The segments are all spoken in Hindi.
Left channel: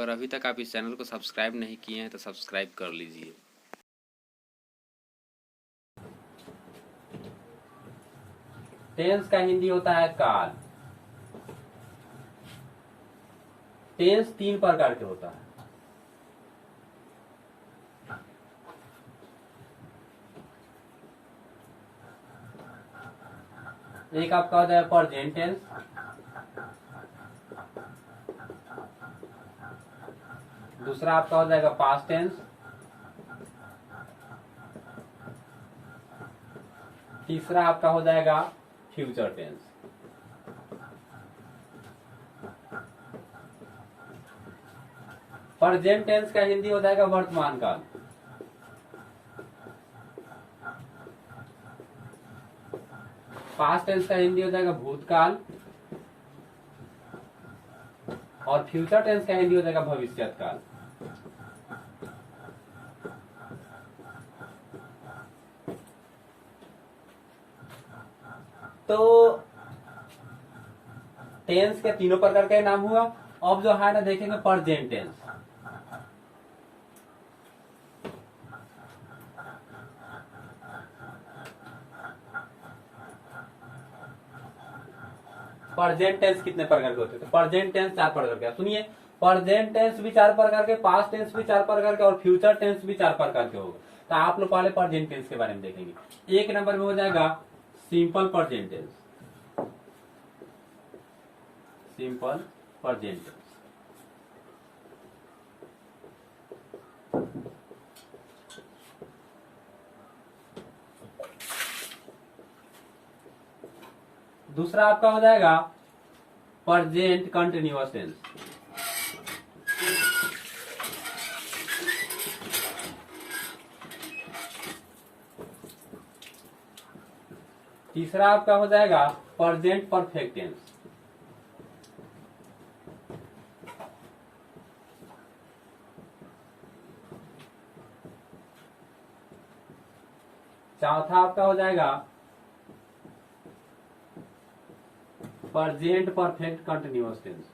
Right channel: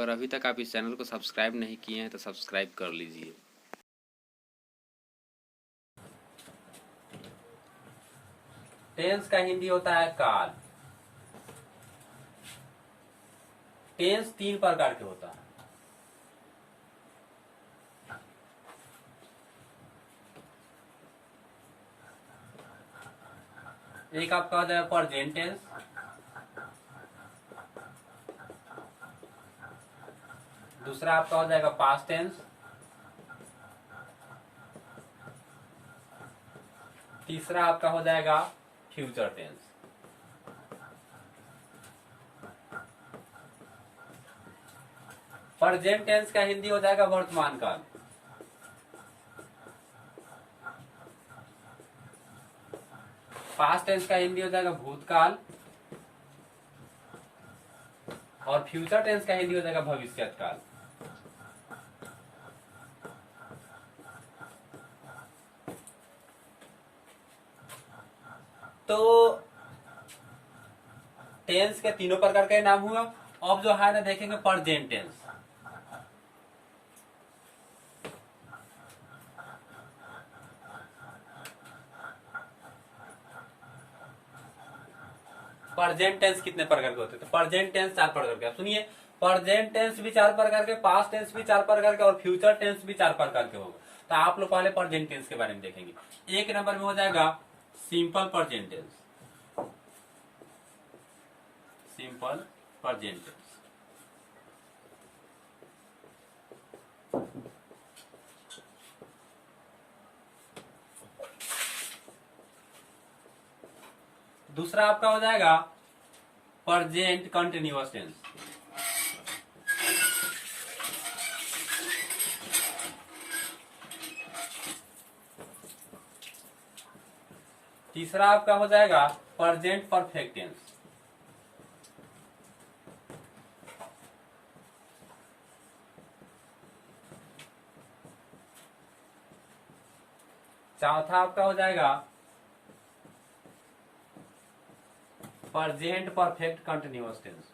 और अभी तक आप इस चैनल को सब्सक्राइब नहीं किए हैं तो सब्सक्राइब कर लीजिए। टेंस का हिंदी होता है काल। टेंस 3 प्रकार के होता है। एक आपका होता है प्रेजेंट टेंस, दूसरा आपका हो जाएगा पास्ट टेंस, तीसरा आपका हो जाएगा फ्यूचर टेंस। प्रेजेंट टेंस का हिंदी हो जाएगा वर्तमान काल। पास्ट टेंस का हिंदी हो जाएगा भूतकाल और फ्यूचर टेंस का हिंदी हो जाएगा भविष्यत काल। तो टेंस के तीनों प्रकार का नाम हुआ। अब जो है ना देखेंगे प्रेजेंट टेंस। प्रेजेंट टेंस कितने प्रकार के होते हैं? तो प्रेजेंट टेंस 4 प्रकार के। सुनिए, प्रेजेंट टेंस भी 4 प्रकार के, पास्ट टेंस भी 4 प्रकार के और फ्यूचर टेंस भी 4 प्रकार के होगा। तो आप लोग पहले प्रेजेंट टेंस के बारे में देखेंगे। एक नंबर में हो जाएगा simple present tense. Simple present tense. दूसरा आपका हो जाएगा प्रेजेंट कंटिन्यूअस टेंस। तीसरा आपका हो जाएगा प्रेजेंट परफेक्ट टेंस। चौथा आपका हो जाएगा प्रेजेंट परफेक्ट कंटिन्यूअस टेंस।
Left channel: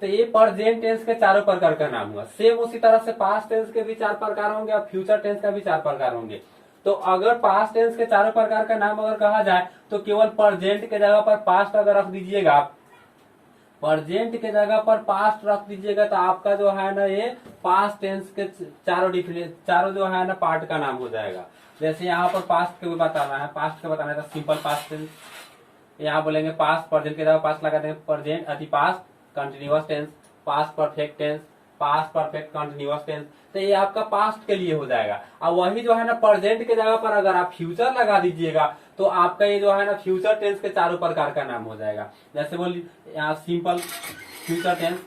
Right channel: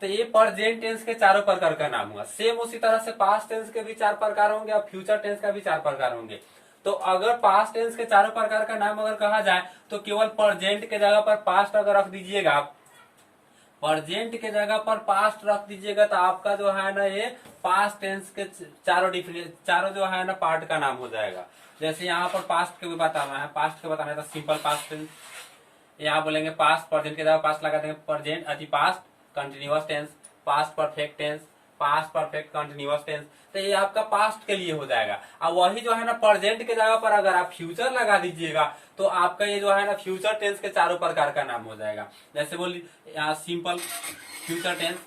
तो ये प्रेजेंट टेंस के चारों प्रकार का नाम हुआ। सेम उसी तरह से पास्ट टेंस के भी 4 प्रकार होंगे और फ्यूचर टेंस का भी 4 प्रकार होंगे। तो अगर पास्ट टेंस के चारों प्रकार का नाम अगर कहा जाए तो केवल प्रेजेंट के जगह पर पास्ट अगर रख दीजिएगा आप, प्रेजेंट के जगह पर पास्ट रख दीजिएगा तो आपका जो है ना ये पास्ट टेंस के चारों जो है ना पार्ट का नाम हो जाएगा। जैसे यहाँ पर पास्ट के भी बताना है, पास्ट के बताना है तो सिंपल पास्ट टेंस। यहाँ बोलेंगे पास्ट, प्रेजेंट के जगह पास्ट लगा देंगे प्रेजेंट अति past continuous tense, past perfect tense, past perfect continuous tense. तो ये आपका पास्ट के लिए हो जाएगा। और वही जो है ना प्रेजेंट के जगह पर अगर आप फ्यूचर लगा दीजिएगा तो आपका ये जो है ना फ्यूचर टेंस के चारों प्रकार का नाम हो जाएगा। जैसे बोलिए यहाँ simple future tense,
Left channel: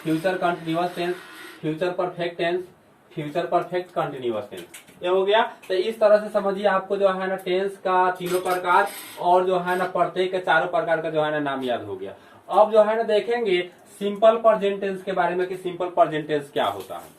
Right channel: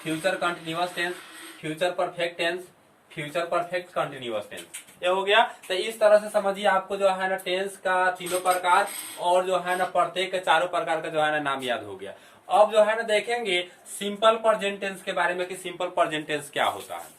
future continuous tense, future perfect tense, future perfect continuous tense. ये हो गया। तो इस तरह से समझिए आपको जो है ना टेंस का तीनों प्रकार और जो है ना प्रत्येक के चारों प्रकार का जो है ना नाम याद हो गया। अब जो है ना देखेंगे सिंपल प्रेजेंट टेंस के बारे में कि सिंपल प्रेजेंट टेंस क्या होता है।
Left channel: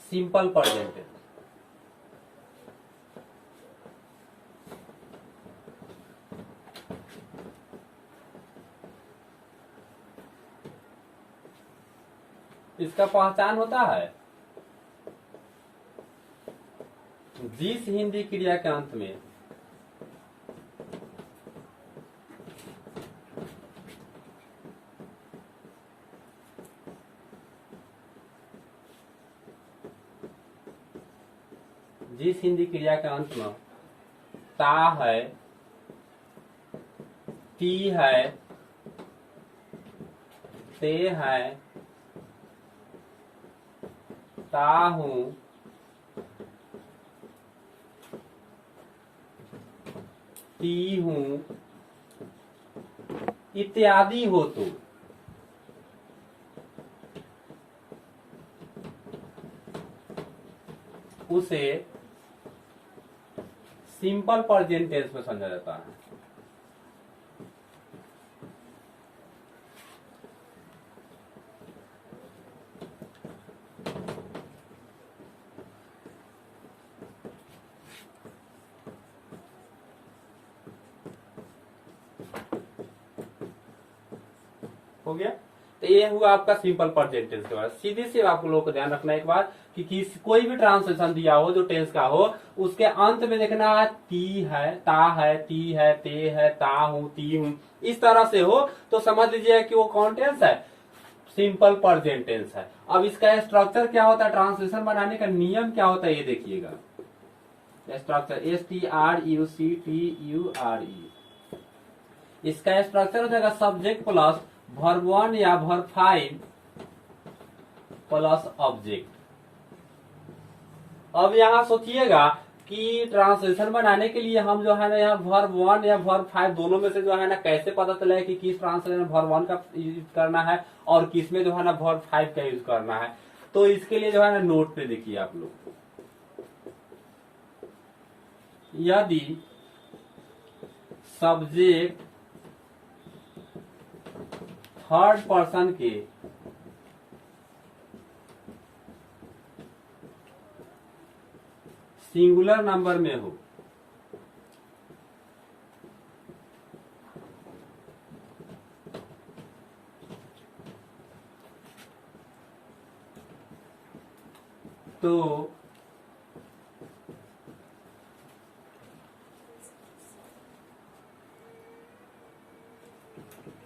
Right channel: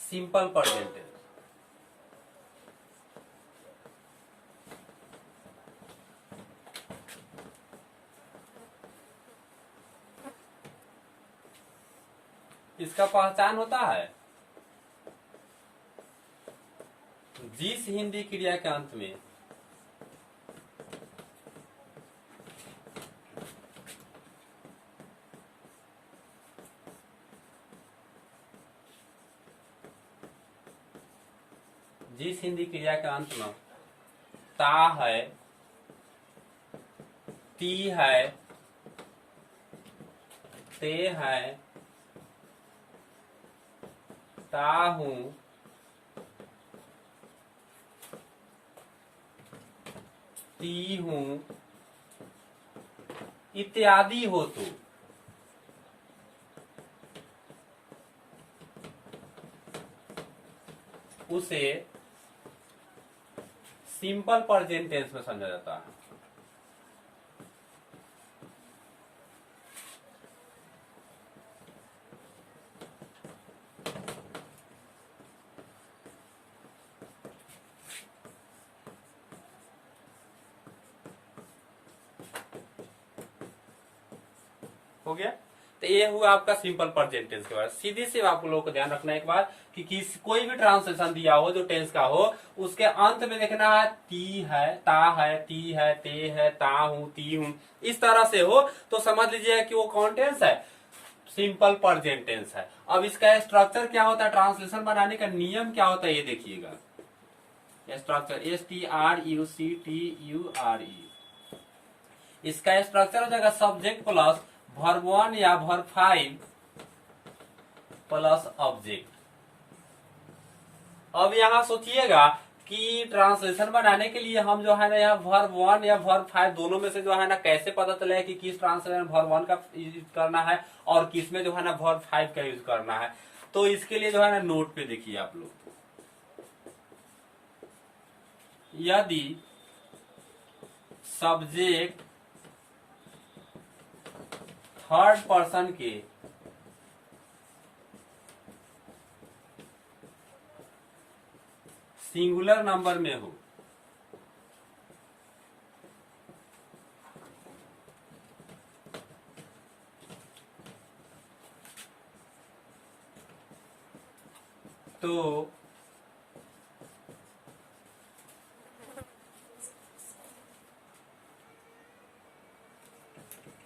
सिंपल प्रेजेंट टेंस इसका पहचान होता है जिस हिंदी क्रिया के अंत में जिस हिंदी क्रिया के अंत में ता है, ती है, ते है, ता हूं, पी हूं इत्यादि हो तो उसे सिंपल प्रेजेंट टेंस में समझा जाता है। हो गया। तो ये हुआ आपका सिंपल प्रेजेंट टेंस के बारे में। सीधी से आप लोगों को ध्यान रखना एक बार कि कोई भी ट्रांसलेशन दिया हो जो टेंस का हो, उसके अंत में देखना है ती है, ता है, ती है, ते है, ता हूं, ती हूं, इस तरह से हो तो समझ लीजिए कि वो कौन टेंस है, सिंपल प्रेजेंट टेंस है। अब इसका स्ट्रक्चर क्या होता है, ट्रांसलेशन बनाने का नियम क्या होता है, ये देखिएगा। स्ट्रक्चर STRUCTURE, इसका स्ट्रक्चर हो जाएगा सब्जेक्ट प्लस वर्ब 1 या वर्ब 5 प्लस ऑब्जेक्ट। अब यहां सोचिएगा कि ट्रांसलेशन बनाने के लिए हम जो है ना यहाँ वर्ब 1 या वर्ब 5 दोनों में से जो है ना कैसे पता चले कि किस ट्रांसलेशन वर्ब 1 का यूज करना है और किस में जो है ना वर्ब 5 का यूज करना है। तो इसके लिए जो है ना नोट पे देखिए आप लोग, यदि सब्जेक्ट थर्ड पर्सन के सिंगुलर नंबर में हो तो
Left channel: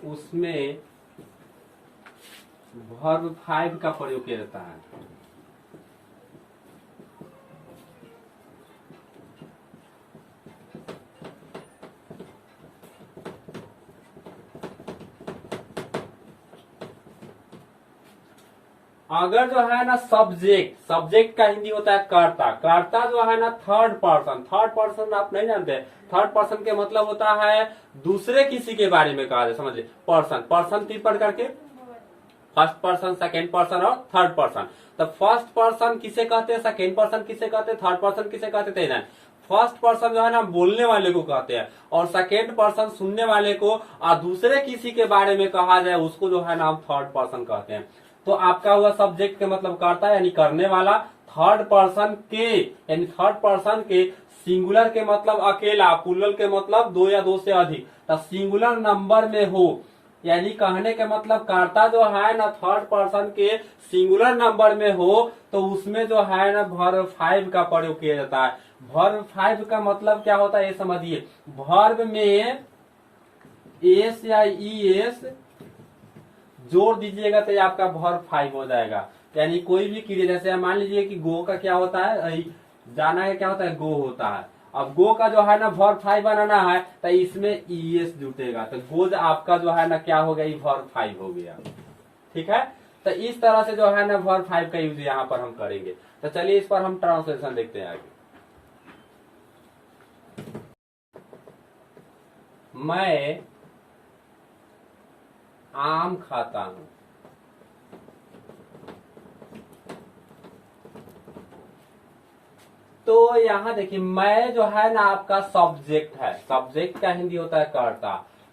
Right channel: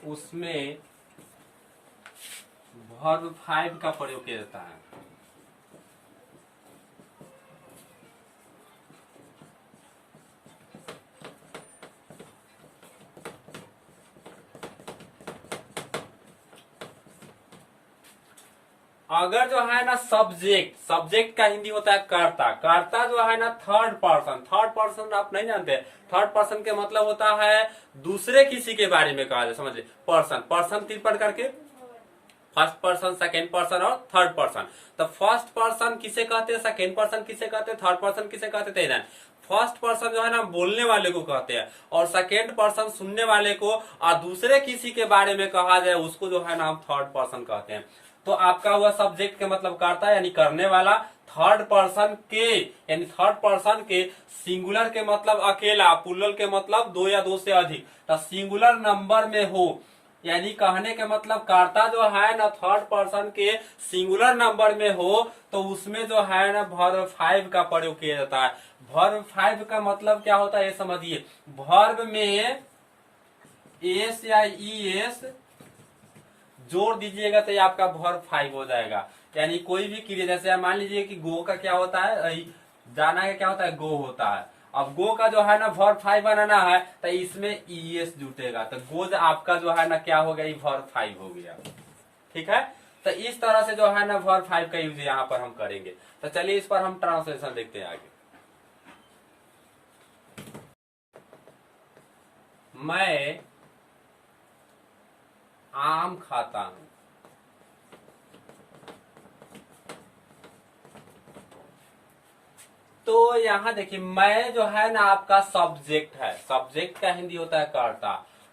उसमें वर्ब 5 का प्रयोग किया जाता है। अगर जो है ना सब्जेक्ट का हिंदी होता है कर्ता, कर्ता जो है ना थर्ड पर्सन आप नहीं जानते, थर्ड पर्सन के मतलब होता है दूसरे किसी के बारे में कहा जाए, समझ लीजिए। पर्सन 3 प्रकार के, फर्स्ट पर्सन, सेकेंड पर्सन और थर्ड पर्सन। तो फर्स्ट पर्सन किसे कहते हैं, सेकेंड पर्सन किसे कहते हैं, थर्ड पर्सन किसे कहते हैं। फर्स्ट पर्सन जो है ना बोलने वाले को कहते हैं और सेकेंड पर्सन सुनने वाले को, और दूसरे किसी के बारे में कहा जाए उसको जो है ना हम थर्ड पर्सन कहते हैं। तो आपका हुआ सब्जेक्ट के मतलब करता यानी करने वाला, थर्ड पर्सन के यानी थर्ड पर्सन के, सिंगुलर के मतलब अकेला, प्लूरल के मतलब 2 या 2 से अधिक, तो सिंगुलर नंबर में हो, यानी कहने के मतलब कर्ता जो है ना थर्ड पर्सन के सिंगुलर नंबर में हो तो उसमें जो है ना वर्ब 5 का प्रयोग किया जाता है। वर्ब 5 का मतलब क्या होता है ये समझिए। वर्ब में एस या ईएस जोड़ दीजिएगा तो ये आपका वर्ब 5 हो जाएगा। यानी कोई भी क्रिया, जैसे मान लीजिए कि गो का क्या होता है, जाना का क्या होता है, गो होता है। अब गो का जो है ना वर्ब 5 बनाना है तो इसमें ईएस जुटेगा, तो गोज आपका जो है ना क्या हो गया, वर्ब 5 हो गया। ठीक है, तो इस तरह से जो है ना वर्ब 5 का यूज यहाँ पर हम करेंगे। तो चलिए इस पर हम ट्रांसलेशन देखते हैं आगे। मैं आम खाता हूं, तो यहाँ देखिए मैं जो है ना आपका सब्जेक्ट है, सब्जेक्ट का हिंदी होता है कर्ता।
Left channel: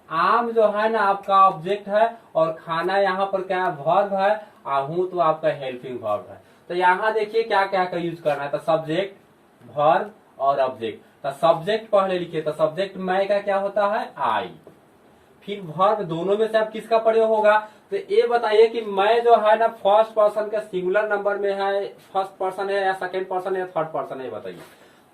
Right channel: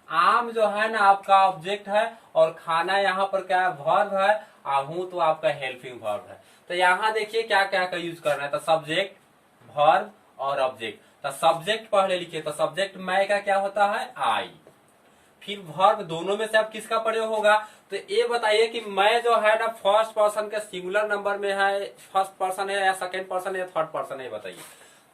आम जो है ना आपका ऑब्जेक्ट है और खाना यहाँ पर क्या है, वर्ब है, हूं तो आपका हेल्पिंग वर्ब है। तो यहाँ देखिए क्या क्या का यूज करना है, तो सब्जेक्ट, वर्ब और ऑब्जेक्ट। तो सब्जेक्ट पहले लिखिए, तो सब्जेक्ट मैं का क्या होता है, आई। फिर वर्ब दोनों में से अब किसका प्रयोग होगा, तो ये बताइए कि मैं जो है ना फर्स्ट पर्सन के सिंगुलर नंबर में है, फर्स्ट पर्सन है या सेकेंड पर्सन है या थर्ड पर्सन है, बताइए।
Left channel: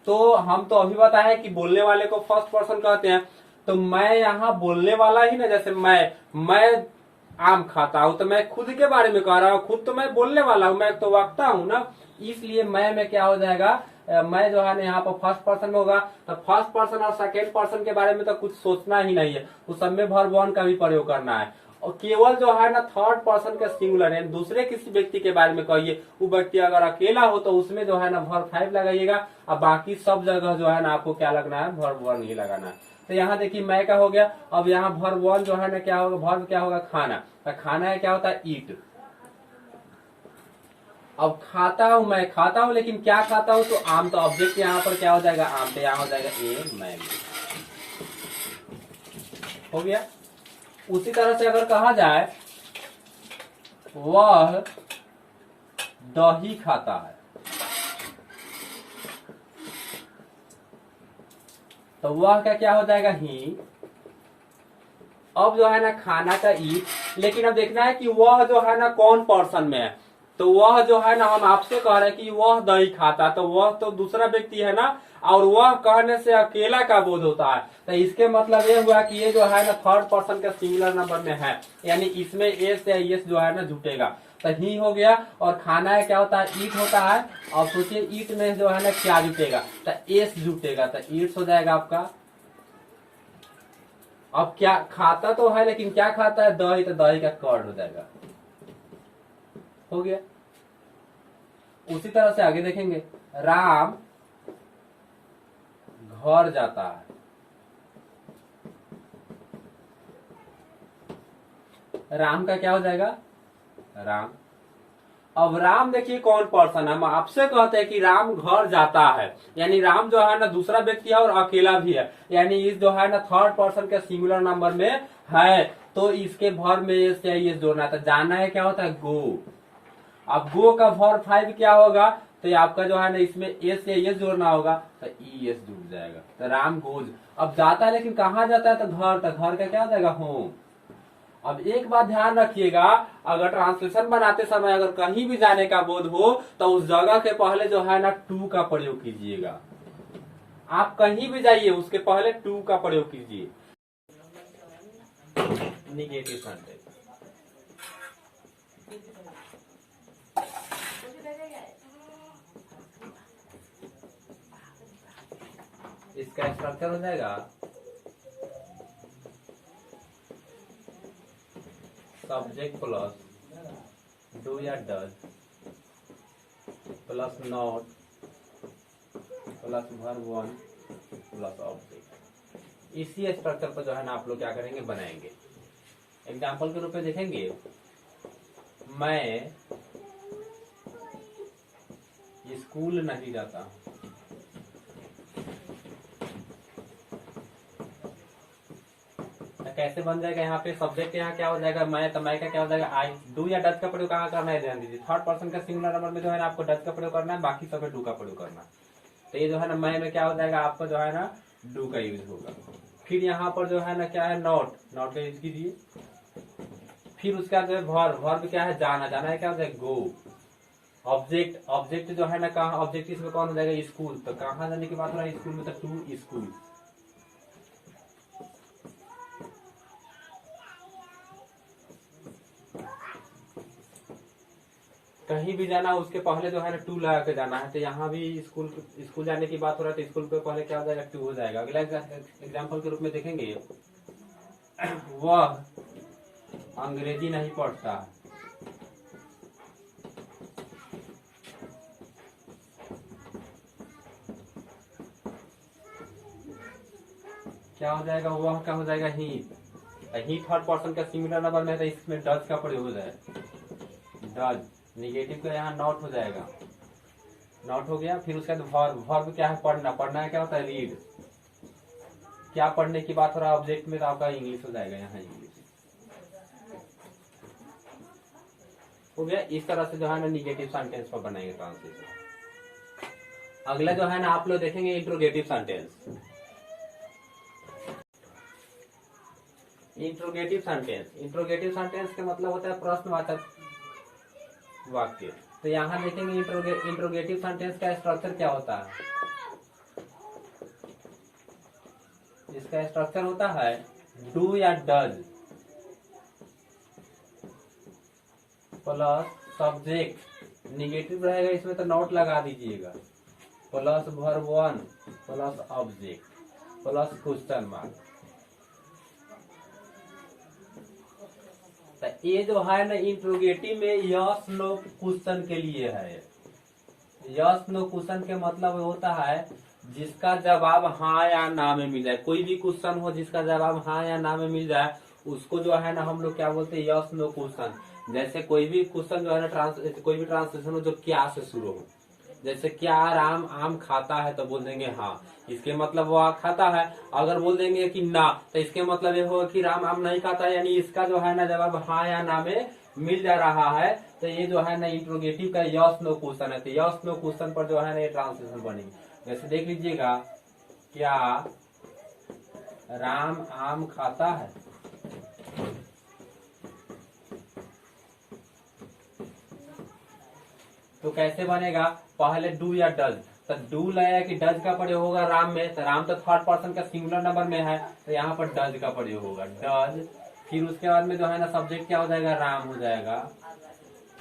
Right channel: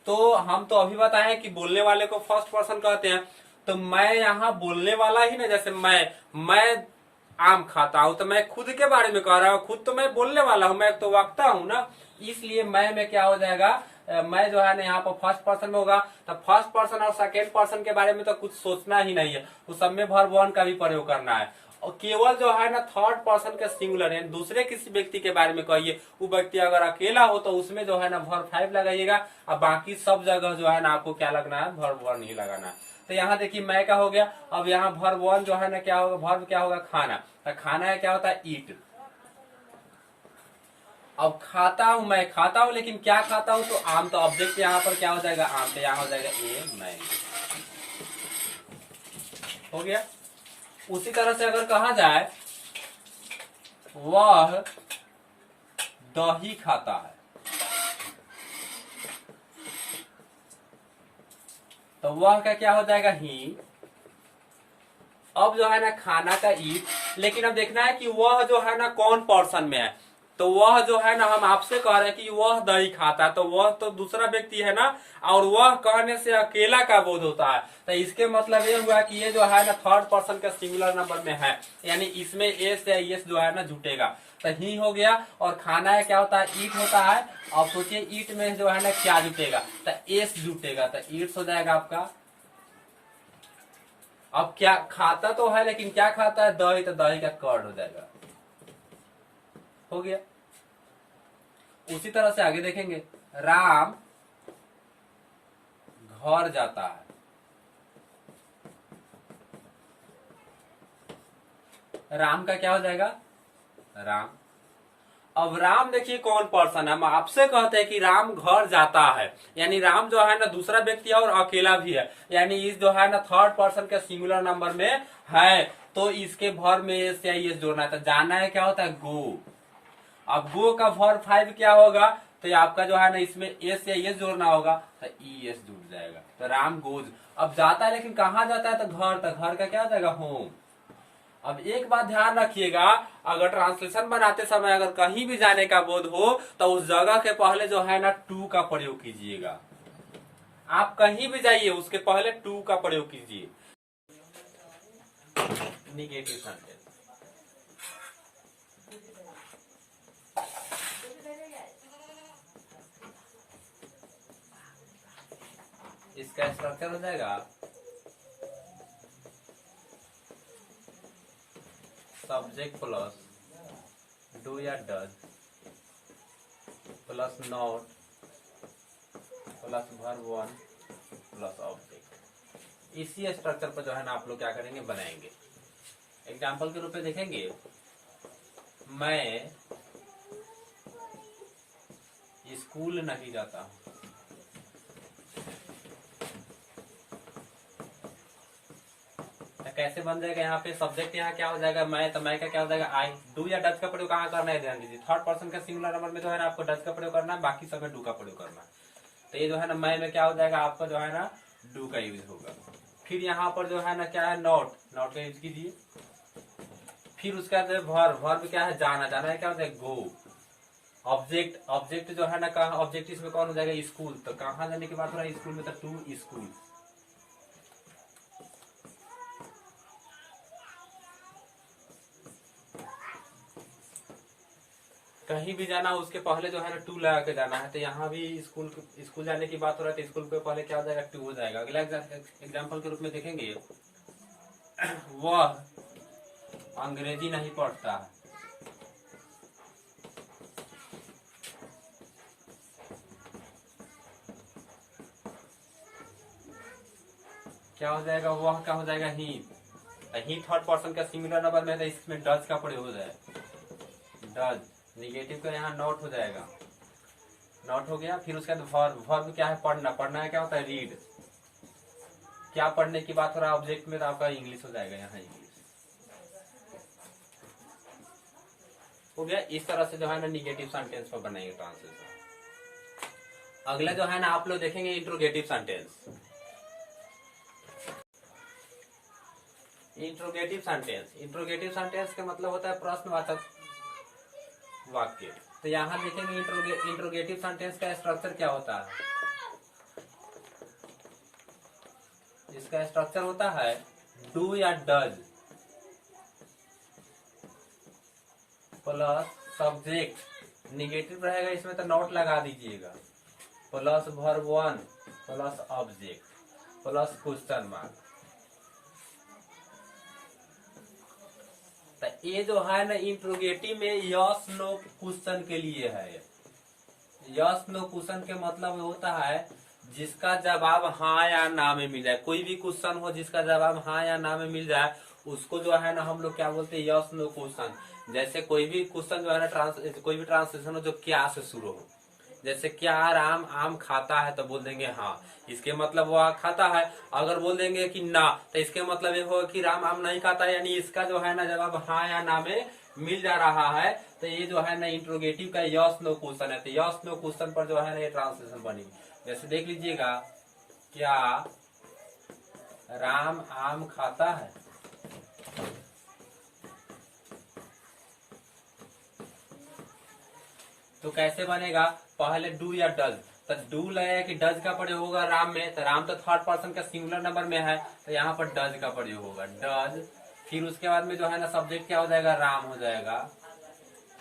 तो हम तो अभी बताए कि बोलने वाले को फर्स्ट पर्सन कहते हैं, तो मैं यहाँ बोलने वाला ही ना, जैसे मैं आम खाता हूं तो मैं खुद के बारे में कह रहा हूँ, खुद तो मैं बोलने वाला हूँ, मैं तो वक्ता हूँ ना, इसलिए मैं में क्या हो जाएगा, मैं जो है ना यहाँ पर फर्स्ट पर्सन में होगा। तो फर्स्ट पर्सन और सेकेंड पर्सन के बारे में तो कुछ सोचना ही नहीं है, उस सब में वर्ब 1 का भी प्रयोग करना है। और केवल जो है ना थर्ड पर्सन के सिंगुलर है, दूसरे किसी व्यक्ति के बारे में कहिए, वो व्यक्ति अगर अकेला हो तो उसमें जो है ना वर्ब 5 लगाइएगा, और बाकी सब जगह जो है ना आपको क्या लगना है, वर्ब 1 ही लगाना है। तो यहाँ देखिए मैं का हो गया। अब यहाँ वर्ब वन जो है ना क्या होगा, वर्ब क्या होगा, खाना। तो खाना है क्या होता है, ईट। अब खाता हूं, मैं खाता हूं, लेकिन क्या खाता हूं, तो आम। तो ऑब्जेक्ट यहाँ पर क्या हो जाएगा, आम। तो यहाँ हो जाएगा ए मैंगो। हो गया। उसी तरह से अगर कहा जाए वह दही खाता है, तो वह का क्या हो जाएगा, ही। अब जो है ना खाना का ईट, लेकिन अब देखना है कि वह जो है ना कौन पर्सन में है। तो वह जो है ना, हम आपसे कह रहे हैं कि वह दही खाता है, तो वह तो दूसरा व्यक्ति है ना, और वह कहने से अकेला का बोध होता है। तो इसके मतलब ये हुआ कि ये जो है ना थर्ड पर्सन का सिंगुलर नंबर में है, यानी इसमें एस या एस जो है ना जुटेगा। तो ही हो गया। और खाना है क्या होता है, ईट होता है। और सोचिए ईट में जो है ना क्या जुटेगा, तो एस जुटेगा। तो ईट्स हो जाएगा आपका। अब क्या खाता तो है, लेकिन क्या खाता है, दही। तो दही का कर्ड हो जाएगा। हो गया। उसी तरह से आगे देखेंगे, राम घर जाता है। राम का क्या हो जाएगा, राम। अब राम देखिए कौन पर्सन है, हम आपसे कहते हैं कि राम घर जाता है, यानी राम जो है ना दूसरा व्यक्ति है और अकेला भी है, यानी इस जो है ना थर्ड पर्सन के सिंगुलर नंबर में है। तो इसके भर में एस या एस जोड़ना है। तो जाना है क्या होता है, गो। अब गो का भर 5 क्या होगा, तो ये आपका जो है ना इसमें एस या एस जोड़ना होगा, तो ई एस जुड़ जाएगा। तो राम गोज। अब जाता है, लेकिन कहाँ जाता है, तो घर। तो घर का क्या हो जाएगा, होम। अब एक बात ध्यान रखिएगा, अगर ट्रांसलेशन बनाते समय अगर कहीं भी जाने का बोध हो, तो उस जगह के पहले जो है ना टू का प्रयोग कीजिएगा। आप कहीं भी जाइए, उसके पहले टू का प्रयोग कीजिए। Negative sentence. इसका स्ट्रक्चर हो जाएगा सब्जेक्ट प्लस डू या does plus not plus verb one plus object. इसी स्ट्रक्चर पर जो है ना आप लोग क्या करेंगे, बनाएंगे। एग्जाम्पल के रूप में देखेंगे, मैं स्कूल नहीं जाता हूं। कैसे बन जाएगा, यहाँ पे सब्जेक्ट यहाँ क्या हो जाएगा, मैं। तो मैं का क्या हो जाएगा, आई। डू या डज का प्रयोग कहाँ करना है, ध्यान दीजिए। थर्ड पर्सन का सिंगुलर नंबर में जो है ना आपको डज का प्रयोग करना है, बाकी सब में डू का प्रयोग करना है। तो ये जो है ना मैं में क्या हो जाएगा, आपको जो है ना डू का यूज होगा। फिर यहाँ पर जो है ना क्या है, नॉट। नॉट का यूज कीजिए। फिर उसके बाद वर्ब। वर्ब क्या है, जाना। जाना है क्या होता है, गो। ऑब्जेक्ट। ऑब्जेक्ट जो है ना कहा, ऑब्जेक्ट इसमें कौन हो जाएगा, स्कूल। तो कहाँ जाने की बात हो रहा है, स्कूल में। तो टू स्कूल। कहीं भी जाना उसके पहले जो है ना टू लगा के जाना है। तो यहाँ भी स्कूल जाने की बात हो रहा है, तो स्कूल के पहले क्या हो जाएगा, टू हो जाएगा। अगला एग्जाम्पल के रूप में देखेंगे, वह अंग्रेजी नहीं पढ़ता। क्या हो जाएगा, वह क्या हो जाएगा, ही। ही थर्ड पर्सन का सिंगुलर नंबर में है, तो इसमें डज का प्रयोग हो जाएगा, डज। निगेटिव का यहाँ नॉट हो जाएगा। नॉट हो गया। फिर उसके बाद वर्ब। वर्ब क्या है, पढ़ना। पढ़ना है क्या होता है, रीड। क्या पढ़ने की बात हो रहा है ऑब्जेक्ट में, तो आपका इंग्लिश हो जाएगा, यहाँ इंग्लिश हो गया। इस तरह से जो है ना निगेटिव सेंटेंस पर बनाएंगे ट्रांसलेशन। अगला जो है ना आप लोग देखेंगे interrogative sentence. Interrogative sentence. Interrogative sentence का मतलब होता है प्रश्नवाचक वाक्य। तो यहां देखेंगे इंट्रोगेटिव सेंटेंस का स्ट्रक्चर क्या होता है। इसका स्ट्रक्चर होता है डू या डज प्लस सब्जेक्ट। निगेटिव रहेगा इसमें तो नॉट लगा दीजिएगा, plus verb one plus object plus question mark. ये जो है ना इंट्रोगेटिव में यस नो क्वेश्चन के लिए है। यस नो क्वेश्चन के मतलब होता है जिसका जवाब हाँ या ना में मिल जाए, कोई भी क्वेश्चन हो जिसका जवाब हाँ या ना में मिल जाए, उसको जो है ना हम लोग क्या बोलते हैं, यस नो क्वेश्चन। जैसे कोई भी क्वेश्चन जो है ना कोई भी ट्रांसलेशन हो जो क्या से शुरू हो, जैसे क्या राम आम खाता है, तो बोल देंगे हाँ, इसके मतलब वो खाता है। अगर बोल देंगे कि ना, तो इसके मतलब ये होगा कि राम आम नहीं खाता, यानी इसका जो है ना जवाब हाँ या ना में मिल जा रहा है। तो ये जो है ना इंट्रोगेटिव का यस नो क्वेश्चन है। तो यस नो क्वेश्चन पर जो है ना ये ट्रांसलेशन बनेगी। जैसे देख लीजिएगा, क्या राम आम खाता है, तो कैसे बनेगा, पहले डू या डज, तो डू लगेगा कि डज का प्रयोग होगा राम में, तो राम तो थर्ड पर्सन का सिंगुलर नंबर में है, तो यहाँ पर डज का प्रयोग होगा, डज। फिर उसके बाद में जो है ना सब्जेक्ट क्या हो जाएगा, राम हो जाएगा।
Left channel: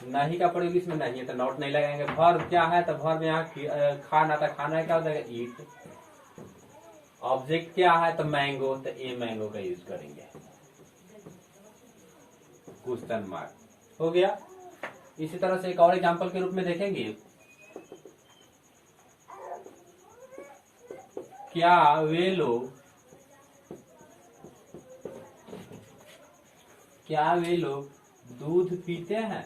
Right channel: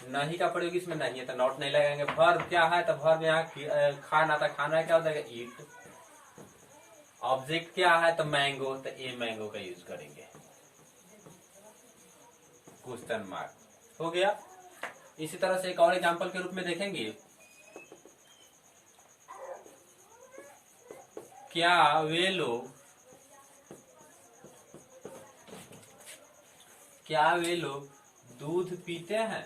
नहीं का प्रयोग इसमें नहीं है, तो नॉट नहीं लगाएंगे। वर्ब क्या है, तो वर्ब यहाँ खाना, था खाना क्या हो जाएगा, ईट। ऑब्जेक्ट क्या है, तो मैंगो, तो ए मैंगो का यूज करेंगे, क्वेश्चन मार्क हो गया। इसी तरह से एक और एग्जांपल के रूप में देखेंगे, क्या वे लोग दूध पीते हैं,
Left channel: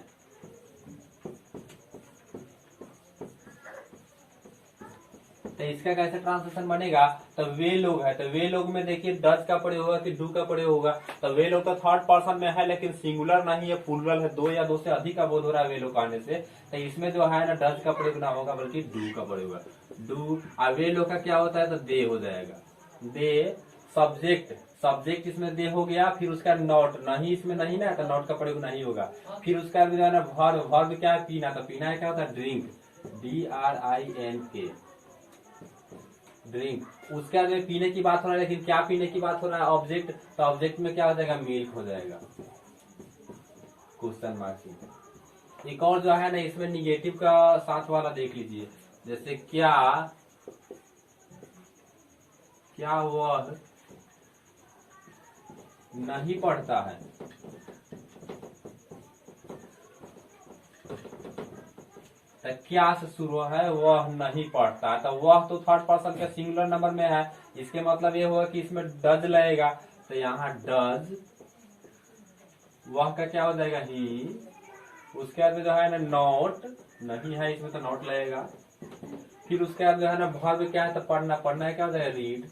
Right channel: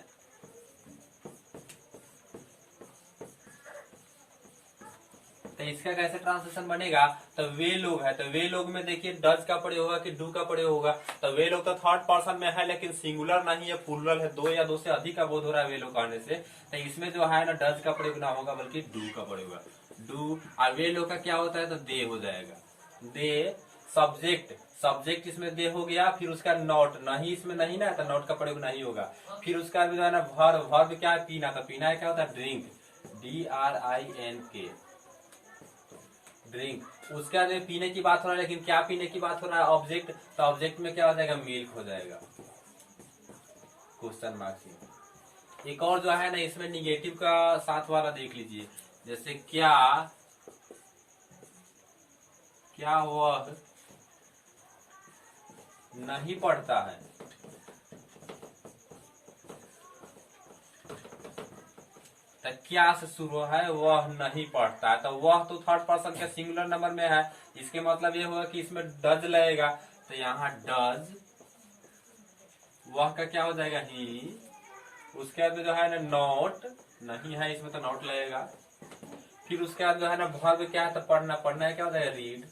तो इसका कैसे ट्रांसलेशन बनेगा, तो वे लोग है, तो वे लोग में देखिए डज का प्रयोग होगा कि डू का प्रयोग होगा। तो वे लोग तो थर्ड पर्सन में है, लेकिन सिंगुलर नहीं है, प्लूरल है, दो या दो से अधिक का बोध हो रहा है वे लोग कहने से, तो इसमें जो है ना डज का प्रयोग ना होगा बल्कि डू का प्रयोग होगा, डू। और वे लोग का क्या होता है, तो दे हो जाएगा, दे। सब्जेक्ट इसमें दे हो गया, फिर उसका नॉट, नहीं इसमें नहीं ना, तो नॉट का प्रयोग नहीं होगा। फिर उसका जो है ना वर्ब क्या है, पीना, तो पीना क्या होता है, ड्रिंक, DRINK, ड्रिंक। उसके बाद पीने की बात हो रहा है, लेकिन क्या पीने की बात हो रहा है, ऑब्जेक्ट, तो ऑब्जेक्ट में क्या हो जाएगा, मिल्क हो जाएगा, क्वेश्चन मार्क। एक और जो है ना इसमें निगेटिव का साथ वाला देख लीजिए, जैसे क्या वह नहीं पढ़ता है, तो क्या से शुरू है, वह नहीं पढ़ता है, तो वह तो थर्ड पर्सन के सिंगुलर नंबर में है, इसके मतलब ये होगा कि इसमें डज लगेगा, तो यहाँ डज, वह का क्या हो जाएगा, ही। उसके बाद जो है ना नोट, नहीं है इसमें, तो नोट लगेगा। फिर उसके बाद जो है ना वर्ब क्या है, तो पढ़ना है, क्या हो जाएगा, रीड।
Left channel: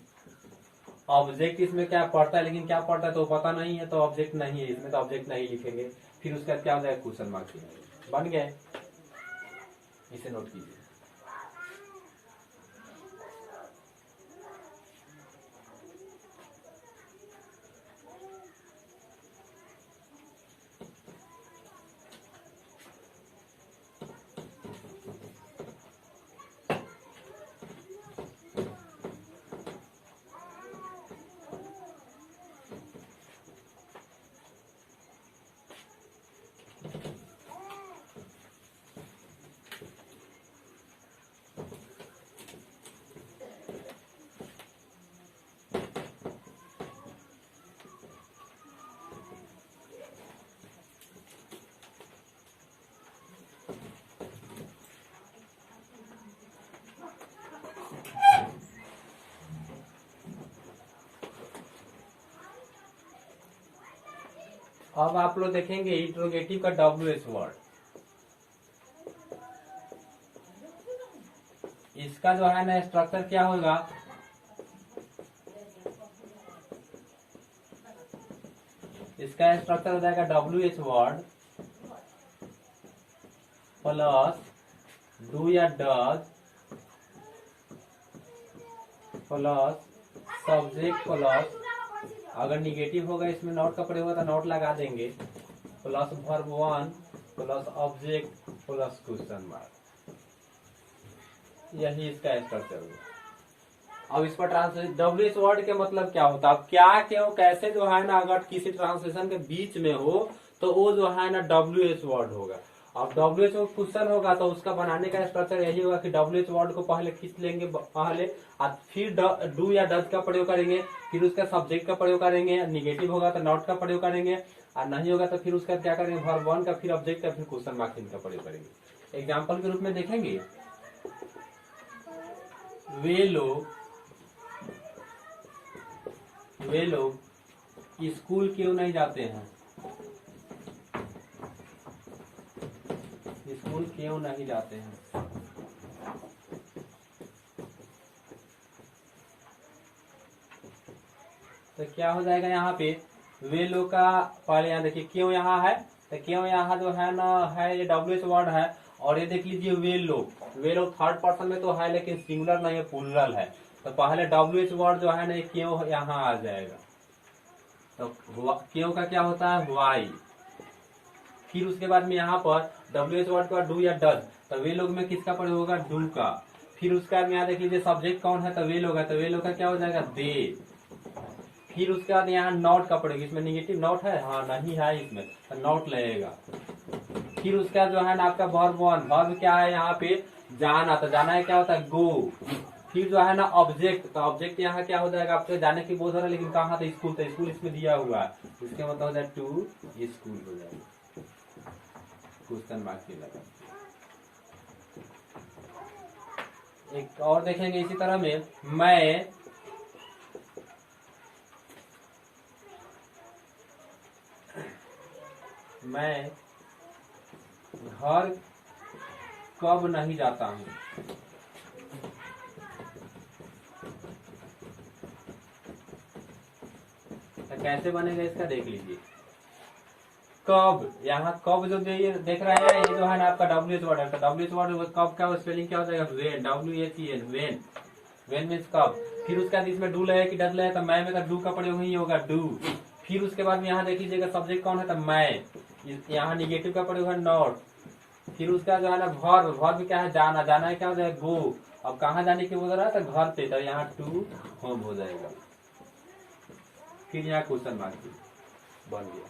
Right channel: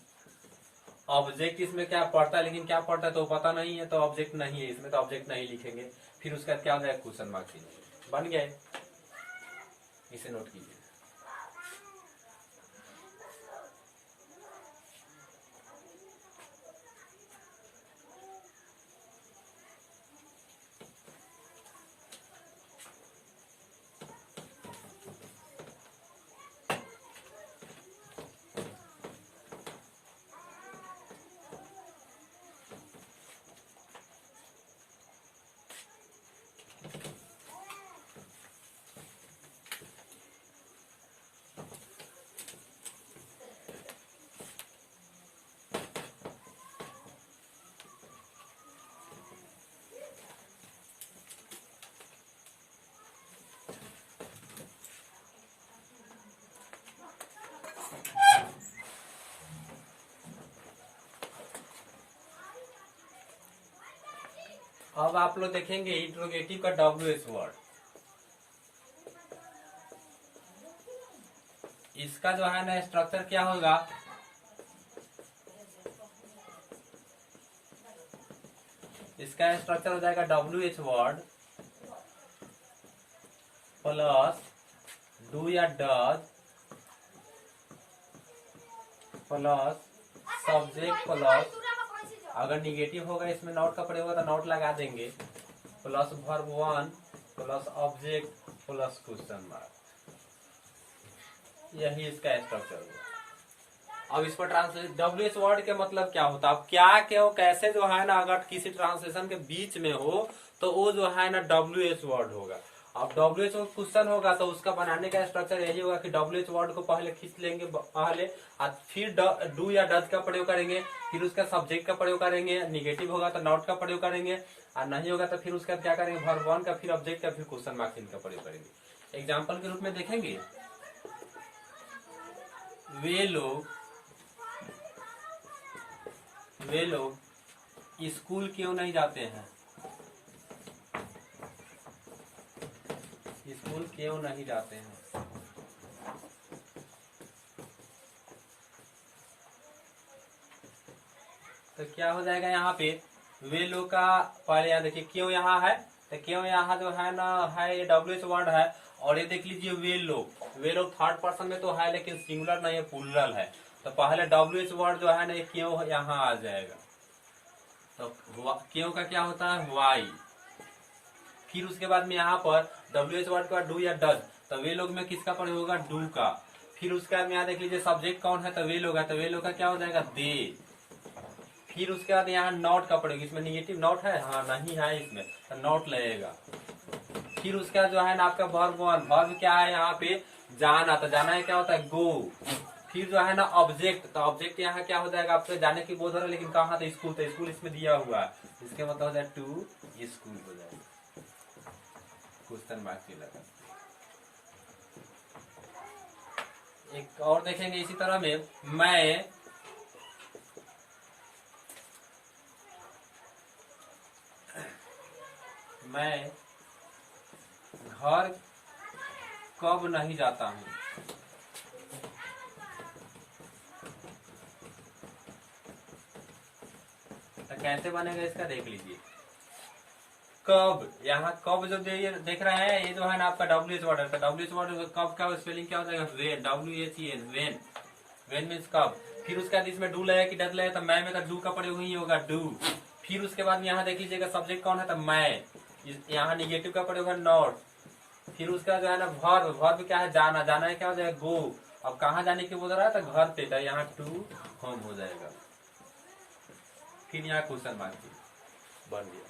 ऑब्जेक्ट इसमें क्या पढ़ता है, लेकिन क्या पढ़ता है तो पता नहीं है, तो ऑब्जेक्ट नहीं है इसमें, तो ऑब्जेक्ट नहीं लिखेंगे। फिर उसके बाद क्या हो जाएगा, क्वेश्चन मार्क बन गए, इसे नोट कीजिए। अब आप लोग देखेंगे इंट्रोगेटिव का WH वर्ड, इसका जो है ना स्ट्रक्चर क्या होगा, इसका स्ट्रक्चर हो जाएगा WH वर्ड प्लस डू या डज प्लस सब्जेक्ट प्लस, अगर निगेटिव होगा इसमें नॉट का प्रयोग होगा तो नॉट लगा देंगे, plus verb 1 plus object plus question mark, यही इसका स्ट्रक्चर होगा। अब इस पर ट्रांसलेट WH वर्ड के मतलब क्या होता है, अब क्या क्यों कैसे जो है ना अगर किसी ट्रांसलेशन के बीच में हो तो वो जो है ना WH वर्ड होगा। अब WH क्वेश्चन होगा तो उसका बनाने का स्ट्रक्चर यही होगा कि WH वर्ड को पहले खींच लेंगे पहले, और फिर डू या डज का प्रयोग करेंगे, फिर उसका सब्जेक्ट का प्रयोग करेंगे, निगेटिव होगा तो नॉट का प्रयोग करेंगे, और नहीं होगा तो फिर उसका क्या करेंगे, वर्ब 1 का, फिर ऑब्जेक्ट का, फिर क्वेश्चन मार्क का प्रयोग करेंगे। एग्जाम्पल के रूप में देखेंगे, वे लोग स्कूल क्यों नहीं जाते हैं, स्कूल क्यों नहीं जाते हैं। तो क्या हो जाएगा यहाँ पे, वे लोग का पहले यहाँ देखिए क्यों यहाँ है, तो क्यों यहाँ जो है ना है ये WH वर्ड है, और ये देख लीजिए वे लोग थर्ड पर्सन में तो है लेकिन सिंगुलर नहीं है, प्लूरल है। तो पहले WH वर्ड जो है ना क्यों यहाँ आ जाएगा। तो क्यों का क्या होता है वाई, फिर उसके बाद में यहाँ पर WH वर्ड के बाद डू या डज, तो वे लोग में किसका प्रयोग होगा डू का। फिर उसके बाद में यहाँ देख लीजिए सब्जेक्ट कौन है, तो वे लोग है, तो वे लोग का क्या हो जाएगा दे। फिर उसके बाद यहाँ नॉट का प्रयोग, इसमें निगेटिव नॉट है, हाँ नहीं है इसमें, तो नॉट लगेगा। फिर उसके बाद जो है ना आपका वर्ब वन, वर्ब क्या है यहाँ पे जाना, तो जाना है क्या होता है गो। फिर जो है ना ऑब्जेक्ट, तो ऑब्जेक्ट यहाँ क्या हो जाएगा आपसे जाने की बोध हो रहा है, लेकिन कहाँ था स्कूल, तो स्कूल इसमें दिया हुआ है, इसके मतलब हो जाए टू स्कूल हो जाएगा, क्वेश्चन मार्क के लगा। एक और देखेंगे इसी तरह में, मैं घर कब नहीं जाता हूँ, तो कैसे बनेगा इसका देख लीजिए। कब, यहाँ कब जो देख रहे हैं ये जो है ना आपका WH वर्ड है, तो WH वर्ड कब का स्पेलिंग क्या हो जाएगा when, WHEN when, when means कब। फिर उसके बाद इसमें डू लगे कि डज लगे, तो मैं में तो डू का प्रयोग ही होगा डू। फिर उसके बाद में यहाँ देख लीजिएगा सब्जेक्ट कौन है, तो मैं, यहाँ निगेटिव का प्रयोग है नॉट। फिर उसका जो है ना वर्ब, वर्ब क्या है जाना, जाना है क्या हो जाएगा गो। अब कहाँ जाने की बोल रहा है, तो घर पे, तो यहाँ टू होम हो जाएगा। फिर यहाँ क्वेश्चन मार्क बन गया।